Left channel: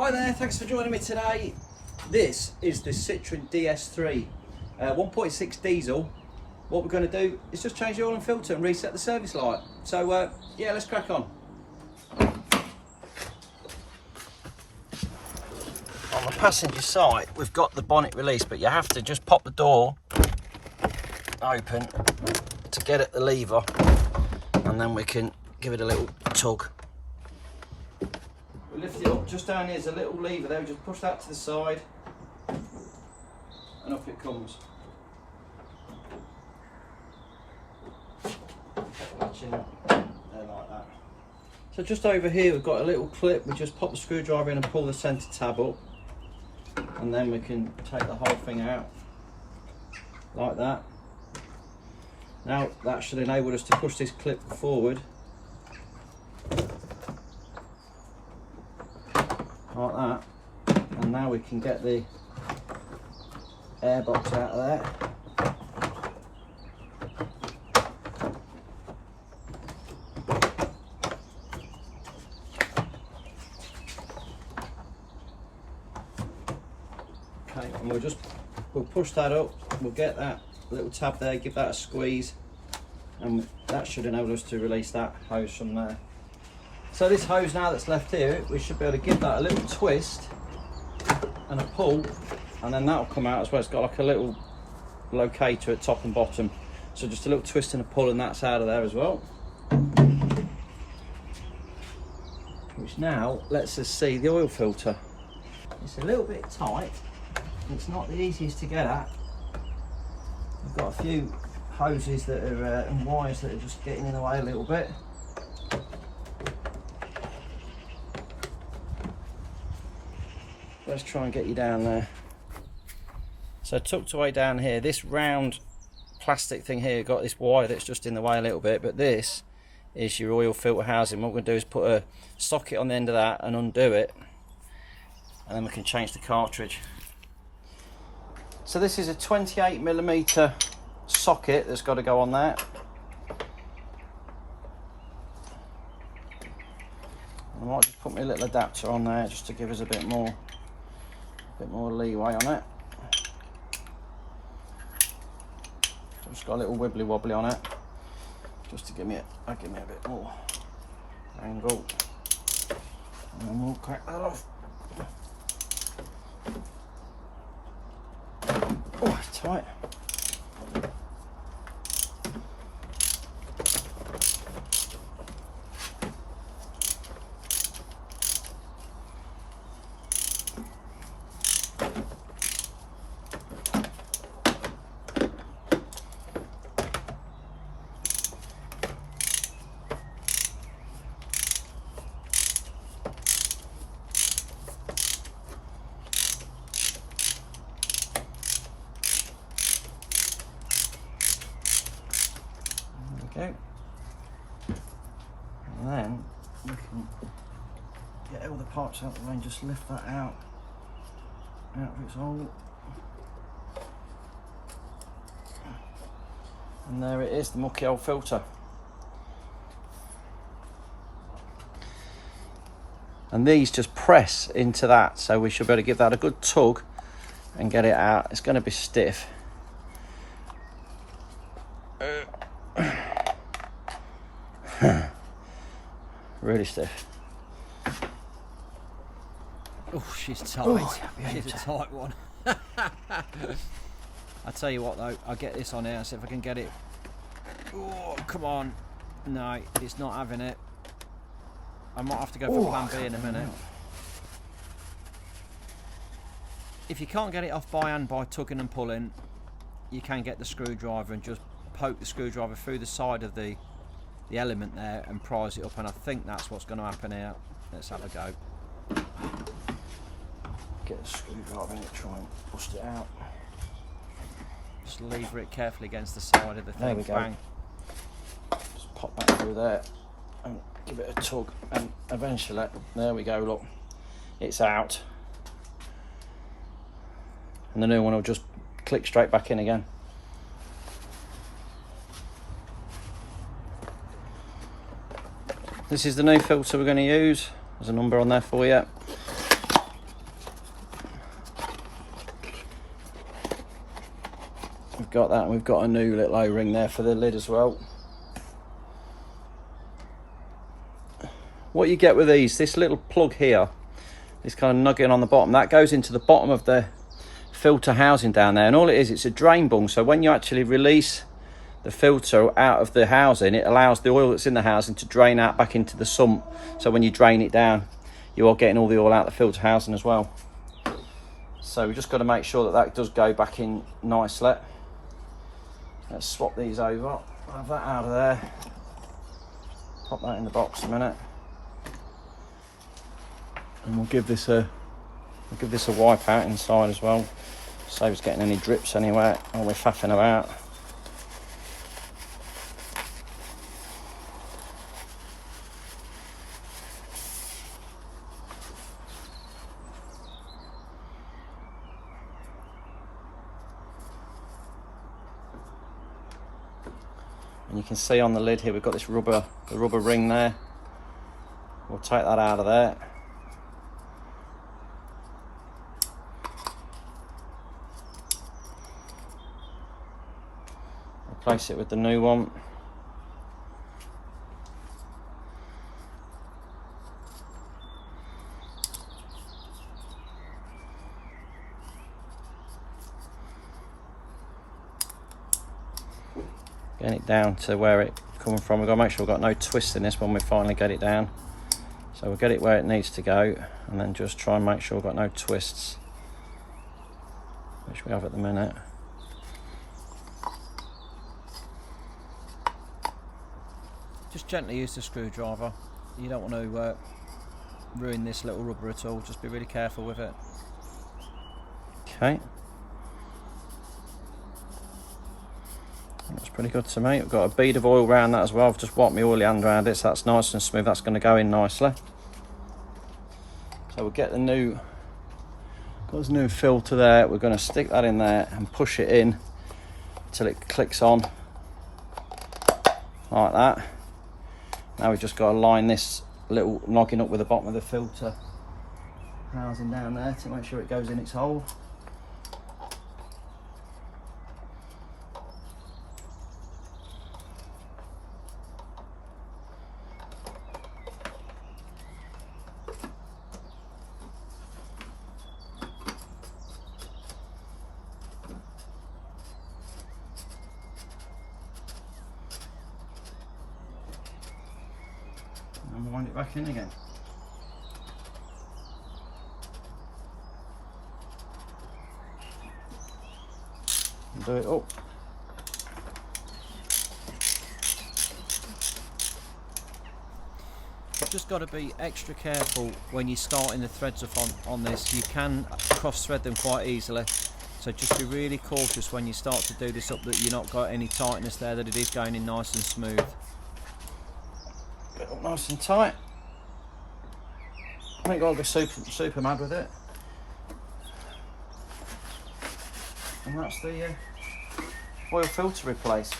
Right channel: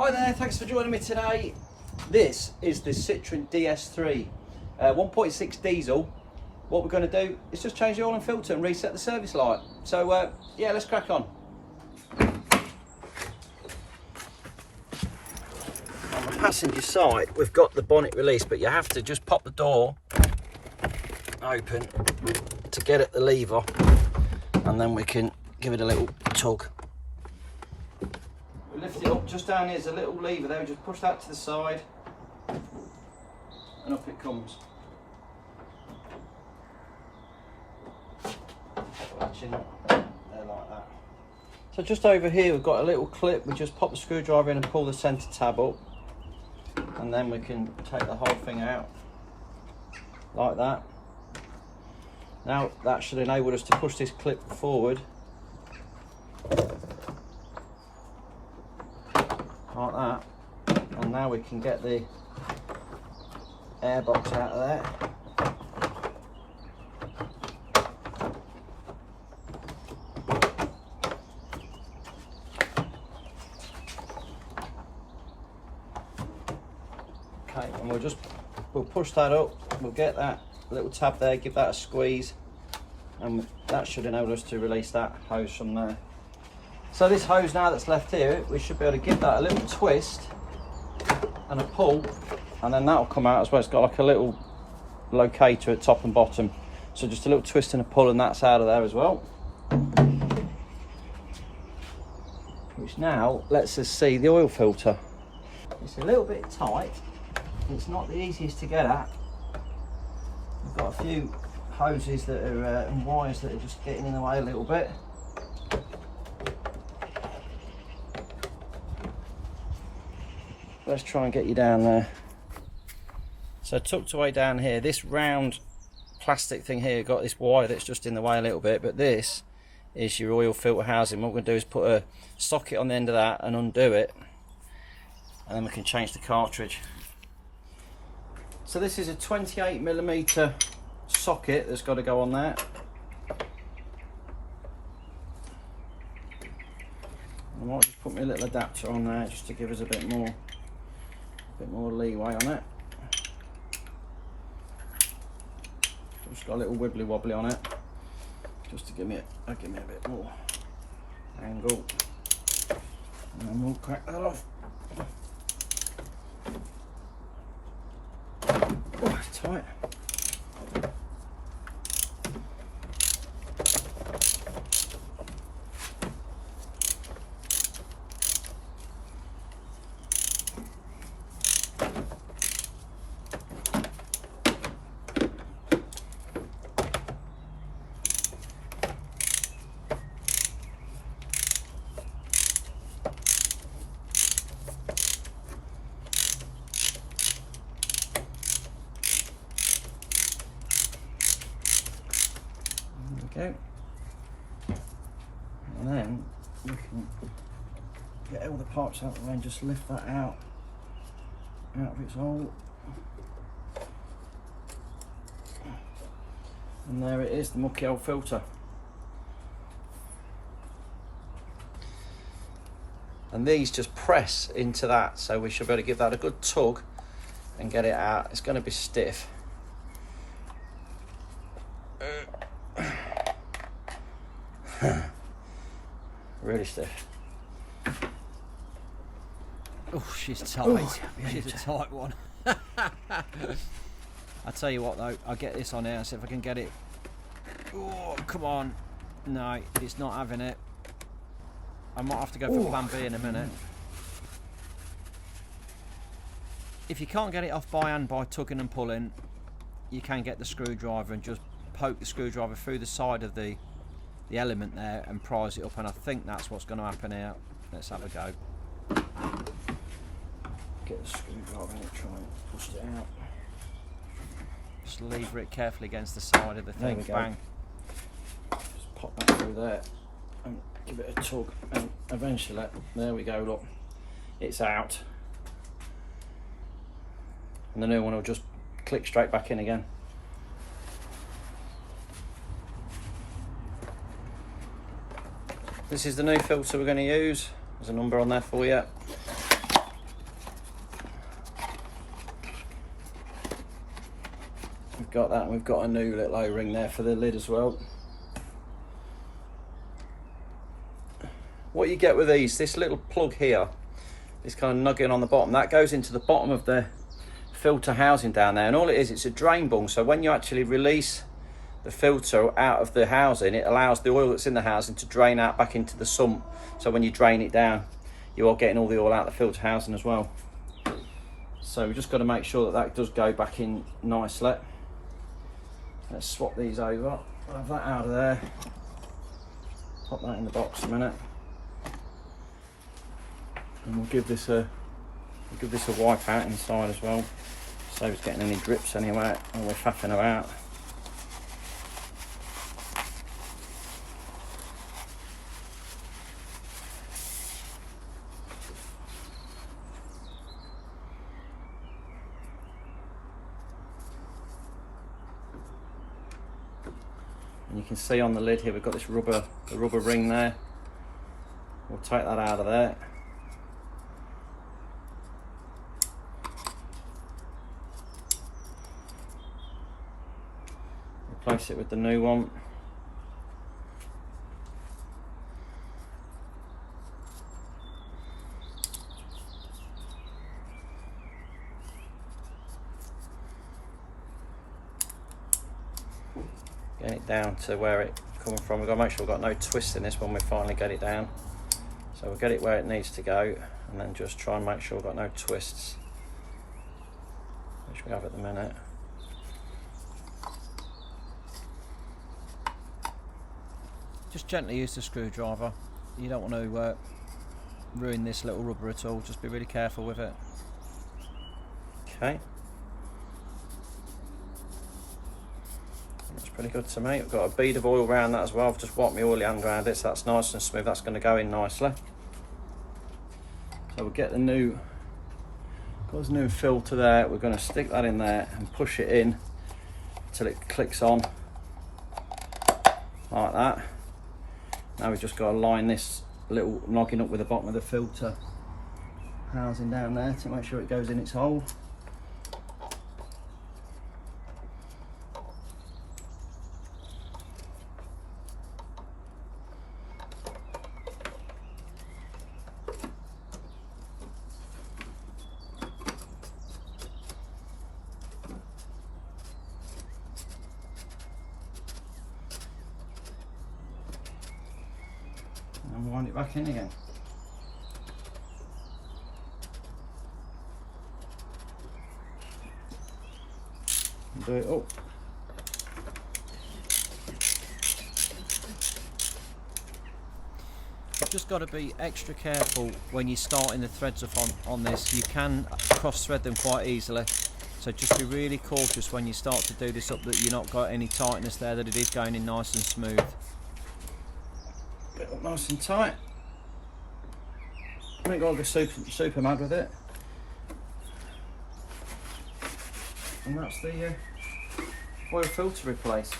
Hi there, thanks for joining me today. This is the Citroen DS3 1.6 diesel. What we're going to do is just change the oil and filter and reset the service light. So yeah, let's crack on. On the passenger side, we've got the bonnet release, but you have to just pop the door open to get at the lever, and then we can give it a little tug. We lift it up, just down here's a little lever there, we just push that to the side and up it comes. Latching there like that. So just over here we've got a little clip, we just pop the screwdriver in and pull the centre tab up, and then we can take the whole thing out like that. Now that should enable us to push this clip forward like that, and now we can get the air box out of there. Okay, and we'll push that up, we'll get that little tab there, give that a squeeze, and that should enable us to release that hose from there. So this hose now that's left here, we should be able to give that a little twist and a pull, and then that'll come out as well. It's got like a little locator at top and bottom, so just a little twist and a pull and that's out of there as well, which now lets us see the oil filter. It's a little bit tight, it's not the easiest to get at. We've got a few hoses that are and wires that are just getting in the way a little bit. Let's try and get you down there. So tucked away down here, this round plastic thing here, got this wire that's just in the way a little bit, but this is your oil filter housing. What we're going to do is put a socket on the end of that and undo it, and then we can change the cartridge. So this is a 28mm socket that's got to go on there. I might just put my little adapter on there just to give us a bit more leeway on it. Just got a little wibbly wobbly on it, just to give me a bit more angle, and then we'll crack that off. Oh, it's tight. Okay, and then we can get all the parts out of the way and just lift that out of its hole, and there it is, the mucky old filter. And these just press into that, so we should be able to give that a good tug and get it out. It's going to be stiff. Really stiff. Oh, she's tight. Oh, she's a tight one. I tell you what though, I'll get this on here and see if I can get it. Oh, come on. No, it's not having it. I might have to go for plan B in a minute. If you can't get it off by hand by tugging and pulling, you can get the screwdriver and just poke the screwdriver through the side of the element there and prise it up, and I think that's what's going to happen here. Let's have a go. Get a screwdriver in it, try and bust it out. Just lever it carefully against the side of the thing. Bang. Just pop that through there and give it a tug, and eventually, there we go, look, it's out. And the new one will just click straight back in again. This is the new filter we're going to use. There's a number on there for you. we've got that, and we've got a new little O-ring there for the lid as well. What you get with these, this little plug here, this kind of nugget on the bottom, that goes into the bottom of the filter housing down there, and all it is, it's a drain bung. So when you actually release the filter out of the housing, it allows the oil that's in the housing to drain out back into the sump. So when you drain it down, you are getting all the oil out of the filter housing as well. So we've just got to make sure that that does go back in nicely. Let's swap these over. I'll have that out of there. Pop that in the box a minute. And we'll give this a wipe out inside as well. Save us getting any drips anywhere while we're faffing about. And you can see on the lid here we've got this rubber ring there. We'll take that out of there. Replace it with the new one. Getting it down to where it's coming from. We've got to make sure we've got no twist in this when we finally get it down. So we'll get it where it needs to go, and then just try and make sure we've got no twists, which we have at the minute. Just gently use the screwdriver. You don't want to ruin this little rubber at all. Just be really careful with it. Okay. That's pretty good to me. I've got a bead of oil around that as well. I've just wiped my oily hand around it, so that's nice and smooth. That's going to go in nicely. So we'll get the new filter there. We're going to stick that in there and push it in until it clicks on like that. Now we've just got to line this little noggin up with the bottom of the filter housing down there to make sure it goes in its hole. And wind it back in again. And do it up. You've just got to be extra careful when you're starting the threads off on this. You can cross thread them quite easily, so just be really cautious when you start to do this up that you're not got any tightness there, that it is going in nice and smooth. Bit up nice and tight. I ain't got to go super mad with it. And that's the oil filter replaced.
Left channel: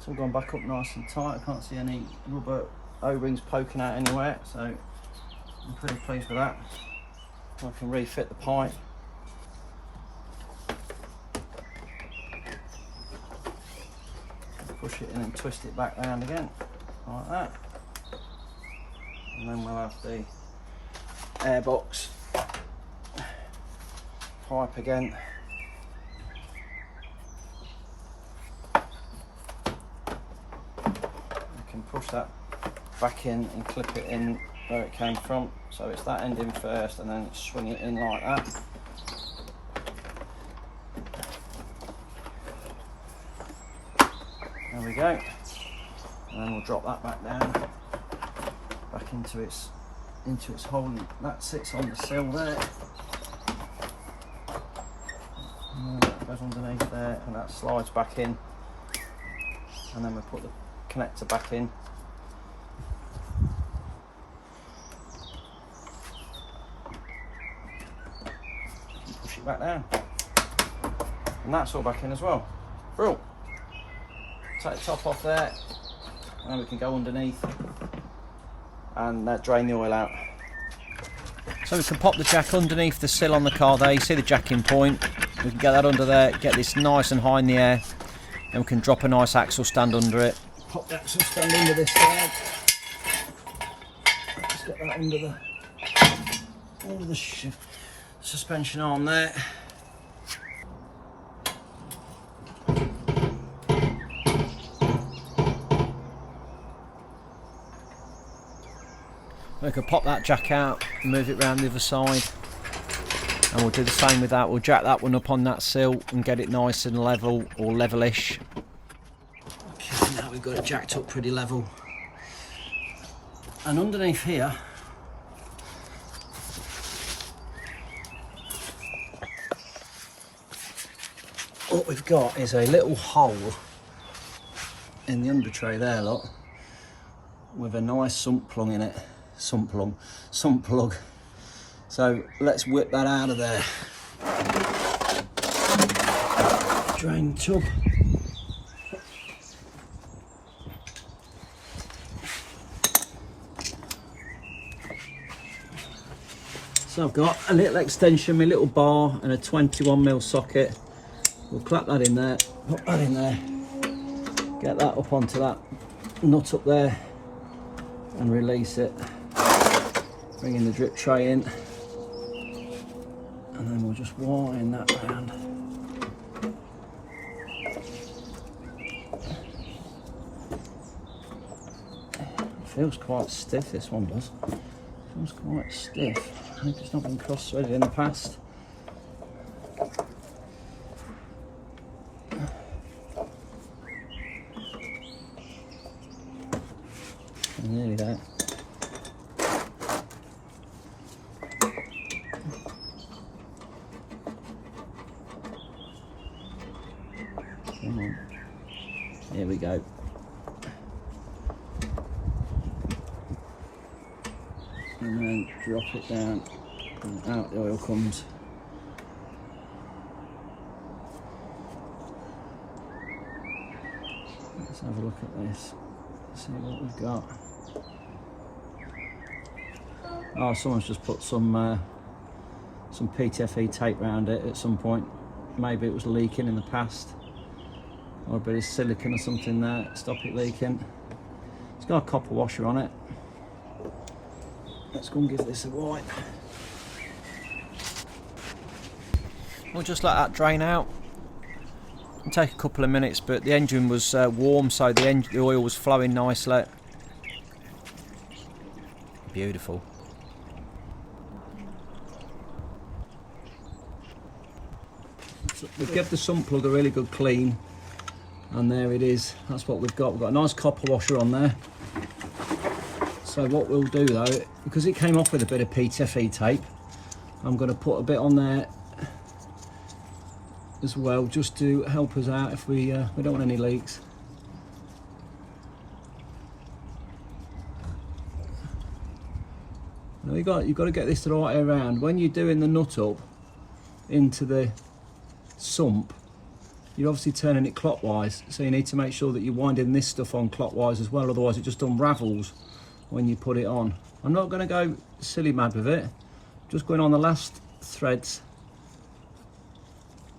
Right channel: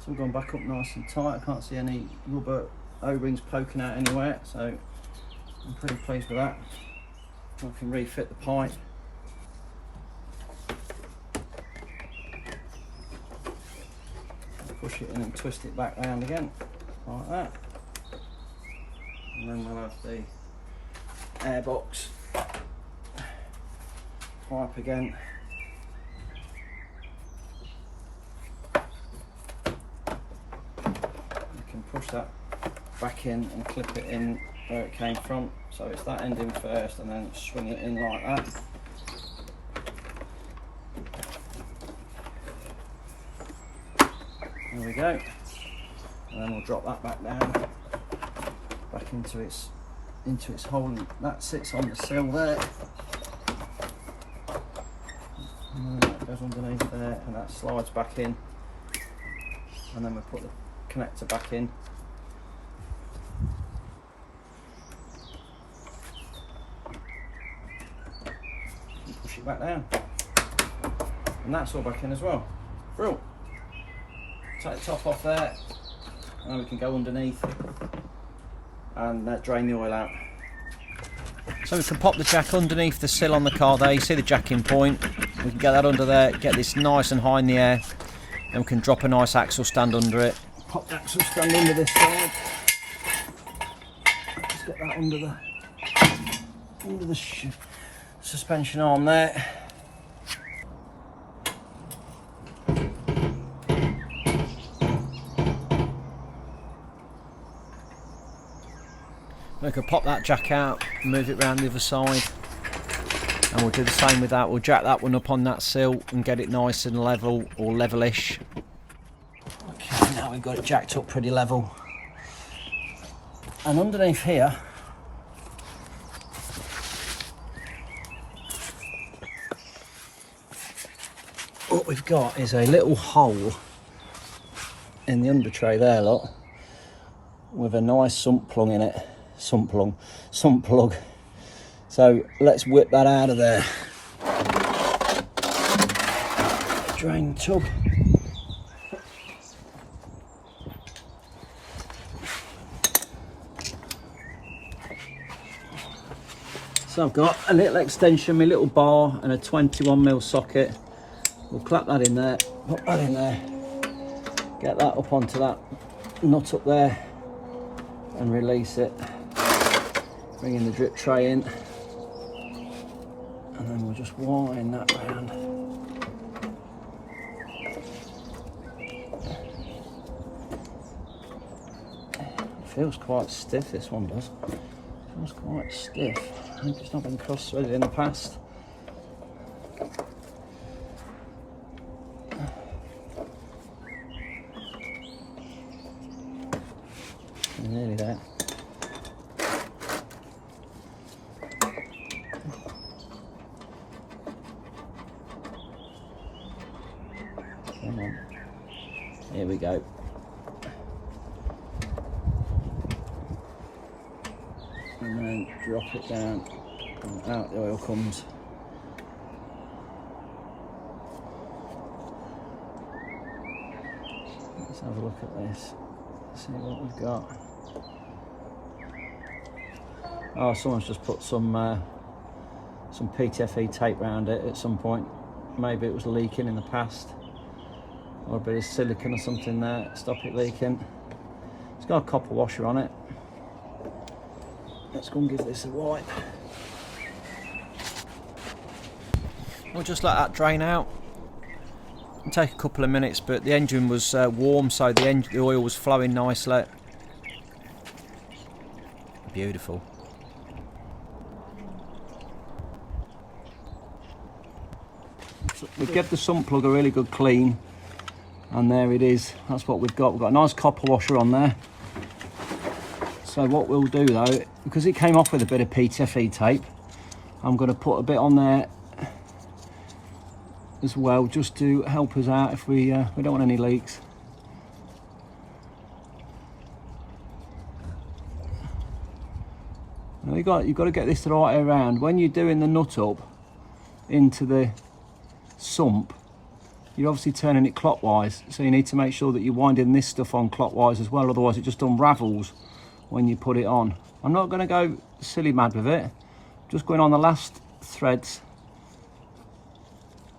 So I've gone back up nice and tight. I can't see any rubber O-rings poking out anywhere, so I'm pretty pleased with that. I can refit the pipe. Push it in and twist it back round again, like that. And then we'll have the airbox pipe again. You can push that back in and clip it in where it came from. So it's that end in first and then swing it in like that. There we go. And then we'll drop that back down, back into its hole. That sits on the sill there. And then that goes underneath there, and that slides back in. And then we'll put the connector back in. And push it back down. And that's all back in as well. Brilliant. Take the top off there, and we can go underneath and drain the oil out. So we can pop the jack underneath the sill on the car there. You see the jacking point. We can get that under there, get this nice and high in the air, and we can drop a nice axle stand under it. Pop the axle stand under this side. Let's get that under the suspension arm there. We can pop that jack out, move it round the other side, and we'll do the same with that. We'll jack that one up on that sill and get it nice and level, or levelish. Okay, now we've got it jacked up pretty level. And underneath here, what we've got is a little hole in the under tray there, look, with a nice sump plug in it. Sump plug. So let's whip that out of there. Drain tub. So I've got a little extension, my little bar, and a 21mm socket. We'll clap that in there, put that in there, get that up onto that nut up there, and release it. Bring in the drip tray in, and then we'll just wind that round. It feels quite stiff, this one does. It feels quite stiff. I think it's not been cross-threaded in the past. Nearly there. Come on. Here we go. And then drop it down and out the oil comes. Let's have a look at this. See what we've got. Oh, someone's just put some PTFE tape around it at some point. Maybe it was leaking in the past, or a bit of silicone or something there, stop it leaking. It's got a copper washer on it. Let's go and give this a wipe. We'll just let that drain out. It'll take a couple of minutes, but the engine was warm, so the oil was flowing nicely. Beautiful. We've given the sump plug a really good clean, and there it is. That's what we've got. We've got a nice copper washer on there. So what we'll do though, because it came off with a bit of PTFE tape, I'm going to put a bit on there as well, just to help us out if we don't want any leaks. Now you've got to get this the right way around. When you're doing the nut up into the sump, you're obviously turning it clockwise, so you need to make sure that you're winding this stuff on clockwise as well, otherwise it just unravels when you put it on. I'm not going to go silly mad with it, just going on the last threads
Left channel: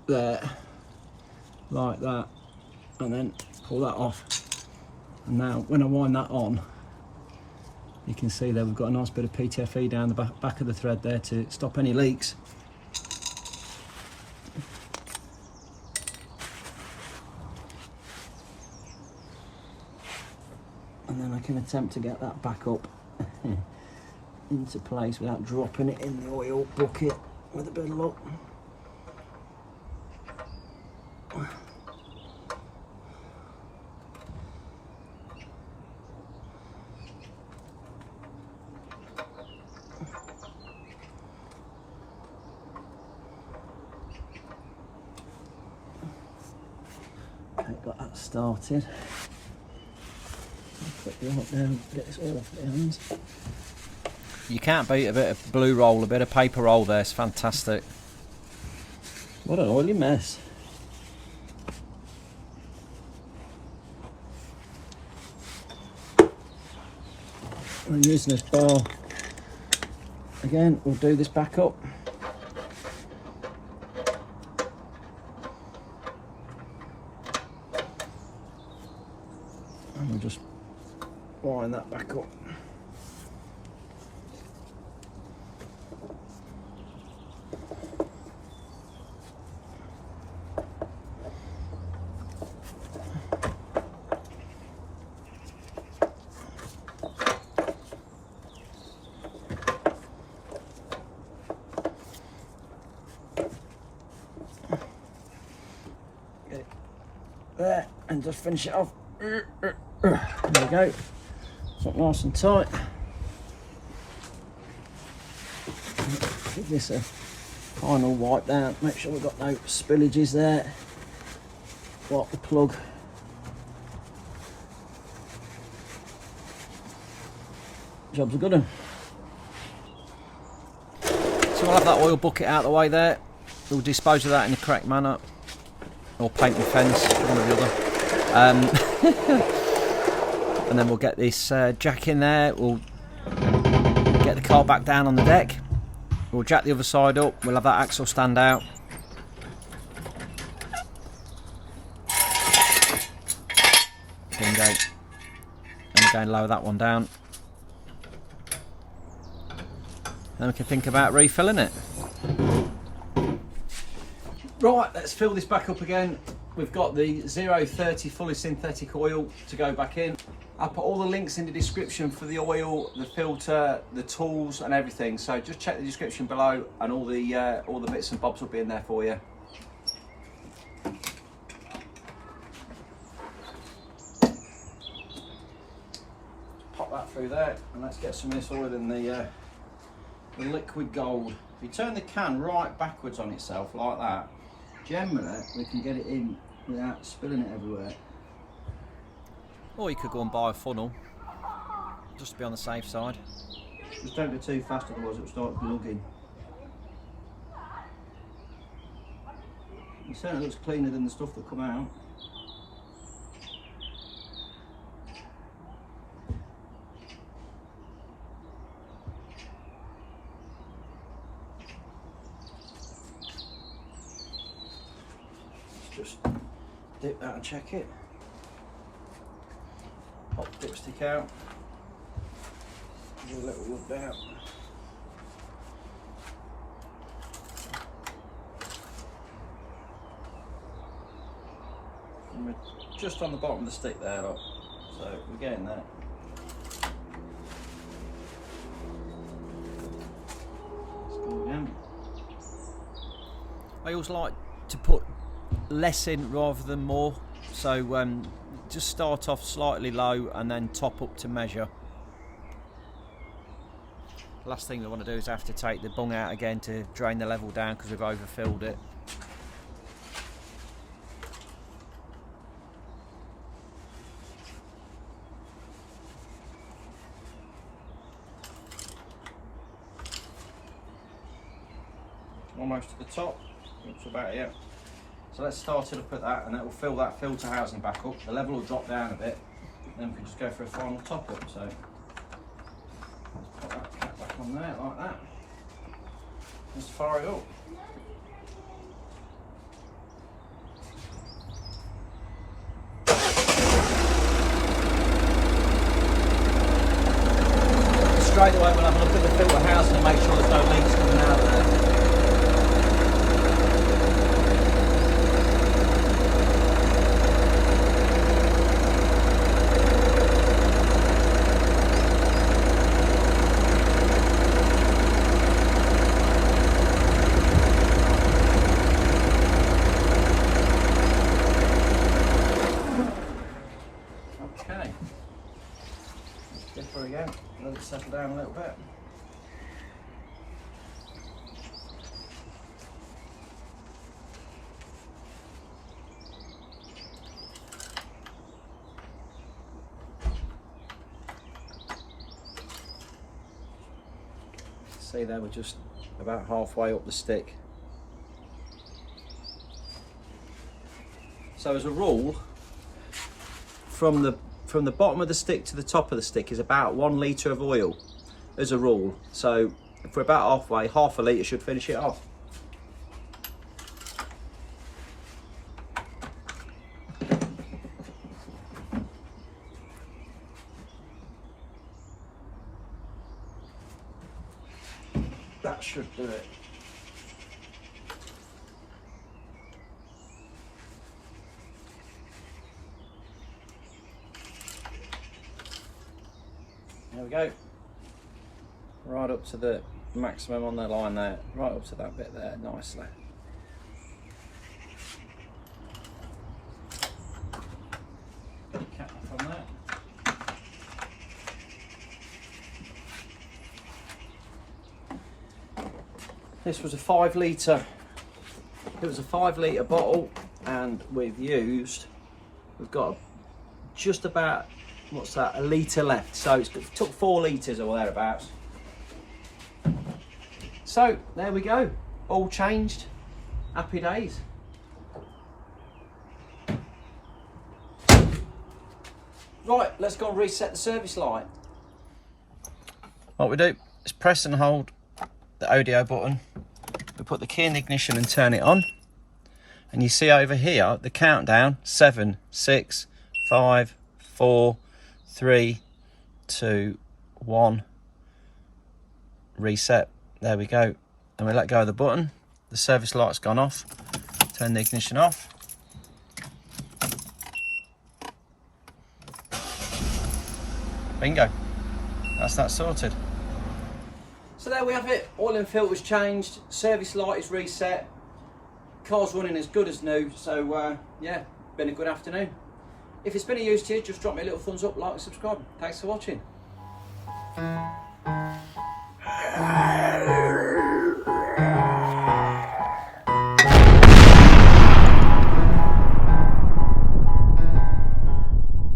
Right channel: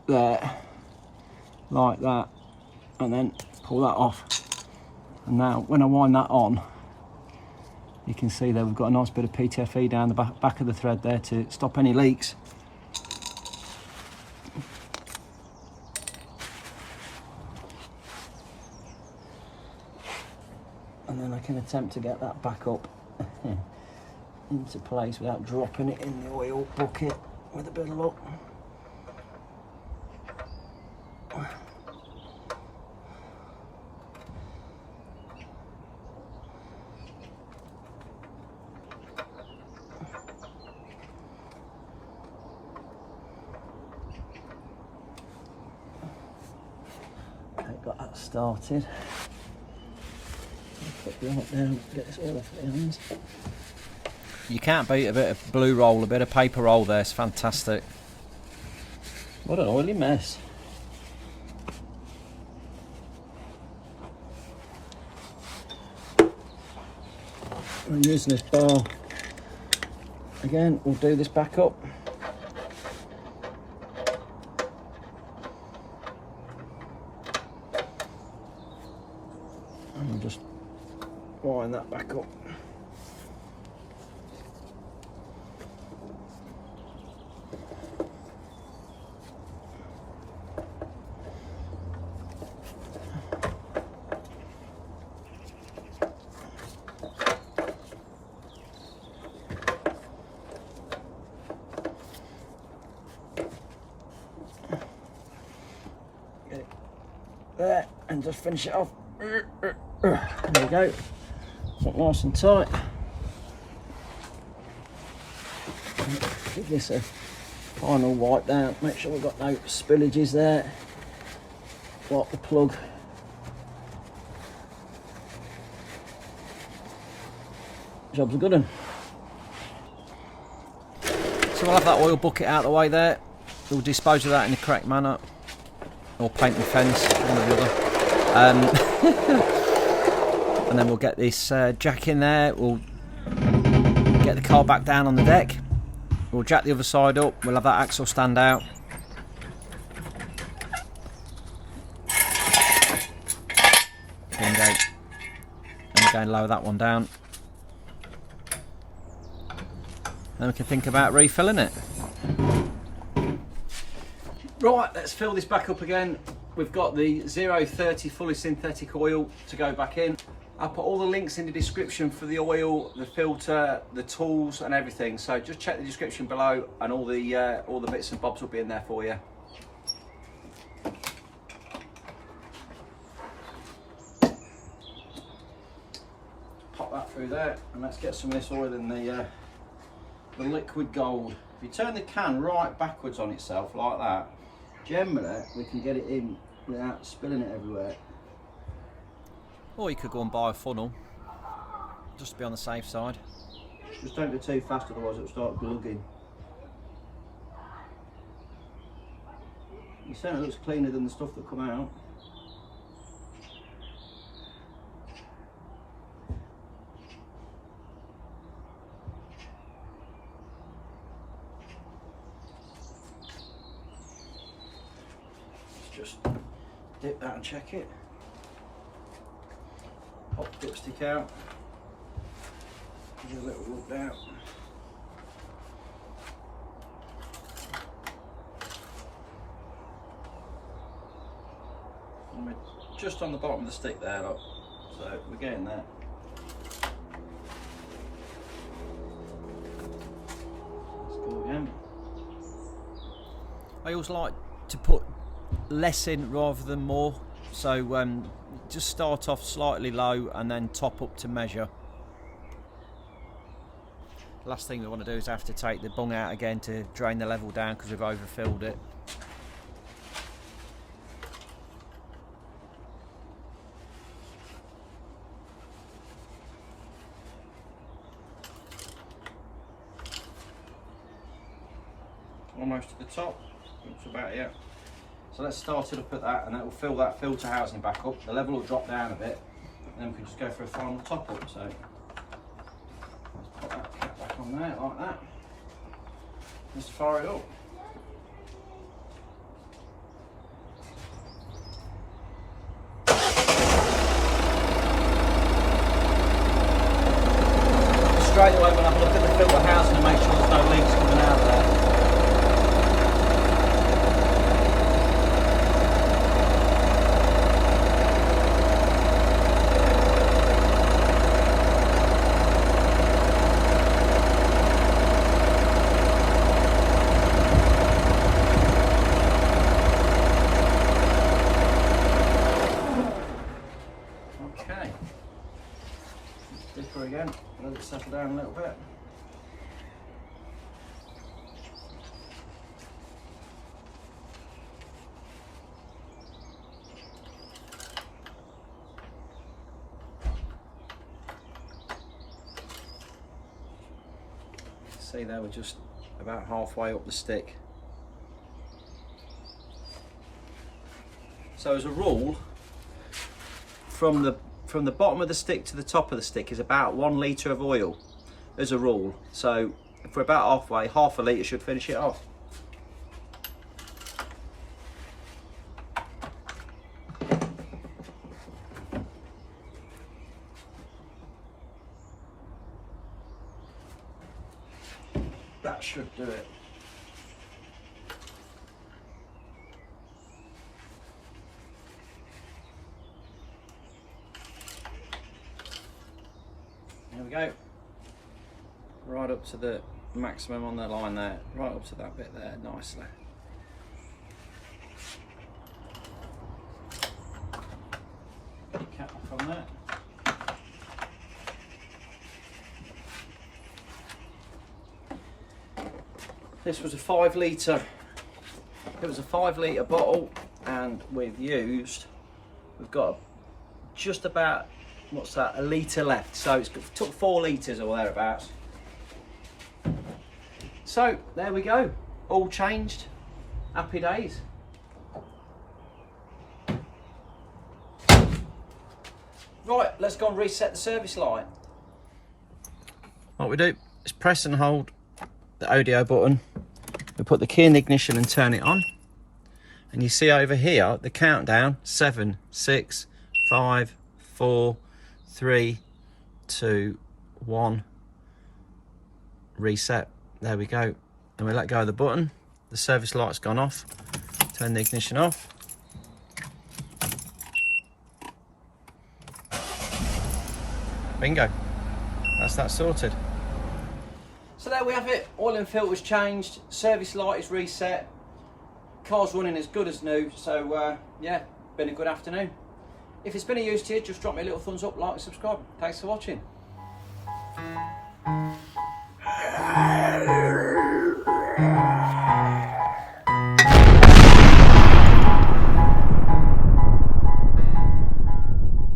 there, like that, and then pull that off. And now when I wind that on, you can see there we've got a nice bit of PTFE down the back of the thread there to stop any leaks. And then I can attempt to get that back up into place without dropping it in the oil bucket with a bit of luck. Okay, got that started. Put you up there and get this all off the ends. You can't beat a bit of blue roll, a bit of paper roll there, it's fantastic. What an oily mess. I'm using this bar again, we'll do this back up. And we'll just wind that back up. Get it there and just finish it off. There we go. It's not nice and tight. Give this a final wipe down. Make sure we've got no spillages there. Wipe the plug. Job's a good one. So we'll have that oil bucket out of the way there. We'll dispose of that in the correct manner, or paint and fence, one or the other. And then we'll get this jack in there. We'll get the car back down on the deck. We'll jack the other side up. We'll have that axle stand out. Bingo. And we're going to lower that one down. Then we can think about refilling it. Right, let's fill this back up again. We've got the 030 fully synthetic oil to go back in. I'll put all the links in the description for the oil, the filter, the tools and everything. So just check the description below and all the bits and bobs will be in there for you. Pop that through there and let's get some of this oil in the liquid gold. If you turn the can right backwards on itself like that, generally we can get it in without spilling it everywhere. Or you could go and buy a funnel, just to be on the safe side. Just don't go too fast, otherwise it'll start glugging. It certainly looks cleaner than the stuff that come out. Just dip that and check it. Pop the dipstick out. Give a little look down. And we're just on the bottom of the stick there, look. So we're getting there. Let's go again. I always like to put less in rather than more, so just start off slightly low and then top up to measure. Last thing we want to do is have to take the bung out again to drain the level down because we've overfilled it. Almost to the top, it's about here. So let's start it up at that, and that will fill that filter housing back up. The level will drop down a bit, and then we can just go for a final top up. So let's put that cap back on there like that. Just fire it up. Straight away we'll have a look at the filter housing and make sure there's no leaks coming out there. Dipper again, let it settle down a little bit. See there, we're just about halfway up the stick. So as a rule, from the bottom of the stick to the top of the stick is about 1 litre of oil as a rule. So if we're about halfway, half a litre should finish it off. That should do it. There we go. Right up to the maximum on the line there, right up to that bit there, nicely. Cap off on that. This was a 5 litre. It was a 5 litre bottle, and we've got just about, what's that, a litre left. So it took 4 litres or thereabouts. So there we go, all changed. Happy days. Right, let's go and reset the service light. What we do is press and hold the audio button. We put the key in the ignition and turn it on. And you see over here the countdown: 7, 6, 5, 4, 3, 2, 1. Reset. There we go. And we let go of the button. The service light's gone off. Turn the ignition off. Bingo. That's that sorted. So there we have it. Oil and filter's changed. Service light is reset. Car's running as good as new. So yeah, been a good afternoon. If it's been of use to you, just drop me a little thumbs up, like and subscribe. Thanks for watching.